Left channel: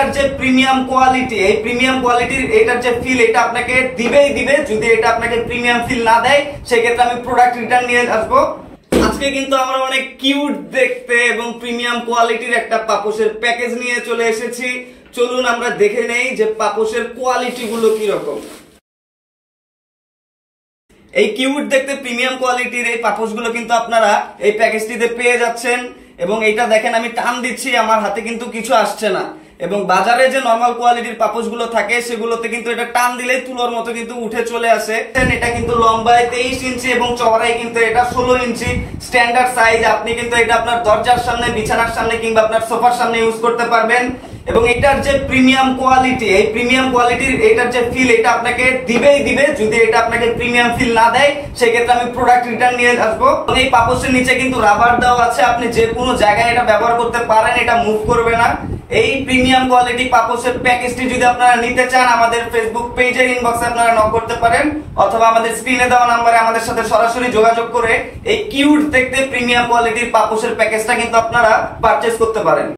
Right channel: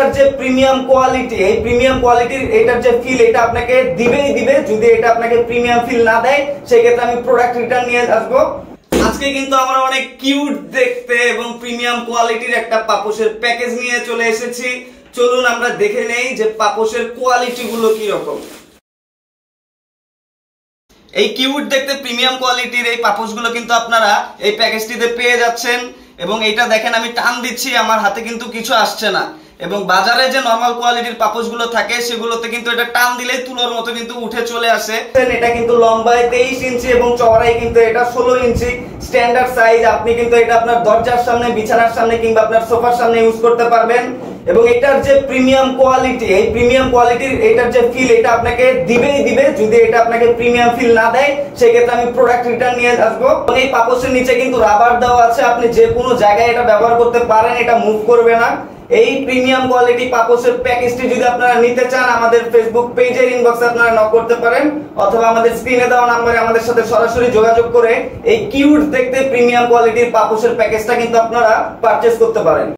এটার যে premium quality, এই প্রিমিয়াম কোয়ালিটির এটার যে ফিল, এটা আপনাকে দিবেই দিবে। যদি এটা আপনাকে প্রিমিয়াম ফিল না দেয় সেক্ষেত্রে আমি প্রোডাক্ট রিটার্ন নিয়ে আসবো। আজকে কিন্তু আমরা অনেক কিউট দেখতে এবং প্রিমিয়াম কোয়ালিটির একটা পাপোশের প্যাকেজ নিয়ে চলে এসেছি। চলুন আমরা দেখে নেই যে পাপোশের কোয়ালিটি গুলো কি রকম। এই কিউট দেখতে প্রিমিয়াম কোয়ালিটির এই পাপোশগুলো কিন্তু আপনারা এই প্যাকেজটিতে পেয়ে যাচ্ছেন। এবং এটা দেখেন আমি টান দিচ্ছি, আমার হাতে কিন্তু কিছু আসছে না। এবং বাজারে যে নরমাল কোয়ালিটির পাপোশগুলো থাকে সেগুলোতে কিন্তু এটা টান দিলেই তুলোর মতো কিন্তু উঠে চলে আসে। এটা কিন্তু লম্বায় 23 ইঞ্চি এবং চওড়ায় কিন্তু এটা 16 ইঞ্চি স্ট্যান্ডার্ড সাইজ। আপনি কিন্তু এটা আপনার দরজার সামনে, বিছানার সামনে কিংবা আপনার সোফার সামনে ইউজ করতে পারবেন। এবং এটার যে প্রিমিয়াম কোয়ালিটি, এই প্রিমিয়াম কোয়ালিটির এটার যে ফিল, এটা আপনাকে দিবেই দিবে। যদি এটা আপনাকে প্রিমিয়াম ফিল না দেয় সেক্ষেত্রে আমি প্রোডাক্ট রিটার্ন নিয়ে আসবো। এই পাপোশের নিচে কিন্তু রাবার দেওয়া আছে, আপনি যে কোনো জায়গায় এটা ব্যবহার করতে পারেন, এটা মুভ করবে না। এই প্রিমিয়াম কোয়ালিটি পাপোশের প্যাকেজটি যদি আপনারা নিতে চান আমাদের ফেসবুক পেজের ইনবক্সে আপনারা নক করতে পারেন, অথবা আমাদের স্ক্রিনে দেওয়া নম্বরে আমাদের সাথে সরাসরি যোগাযোগ করে এই কিউট দেখতে প্রিমিয়াম কোয়ালিটির পাপোশের প্যাকেজটা কিন্তু আপনারা পারচেজ করতে পারেন।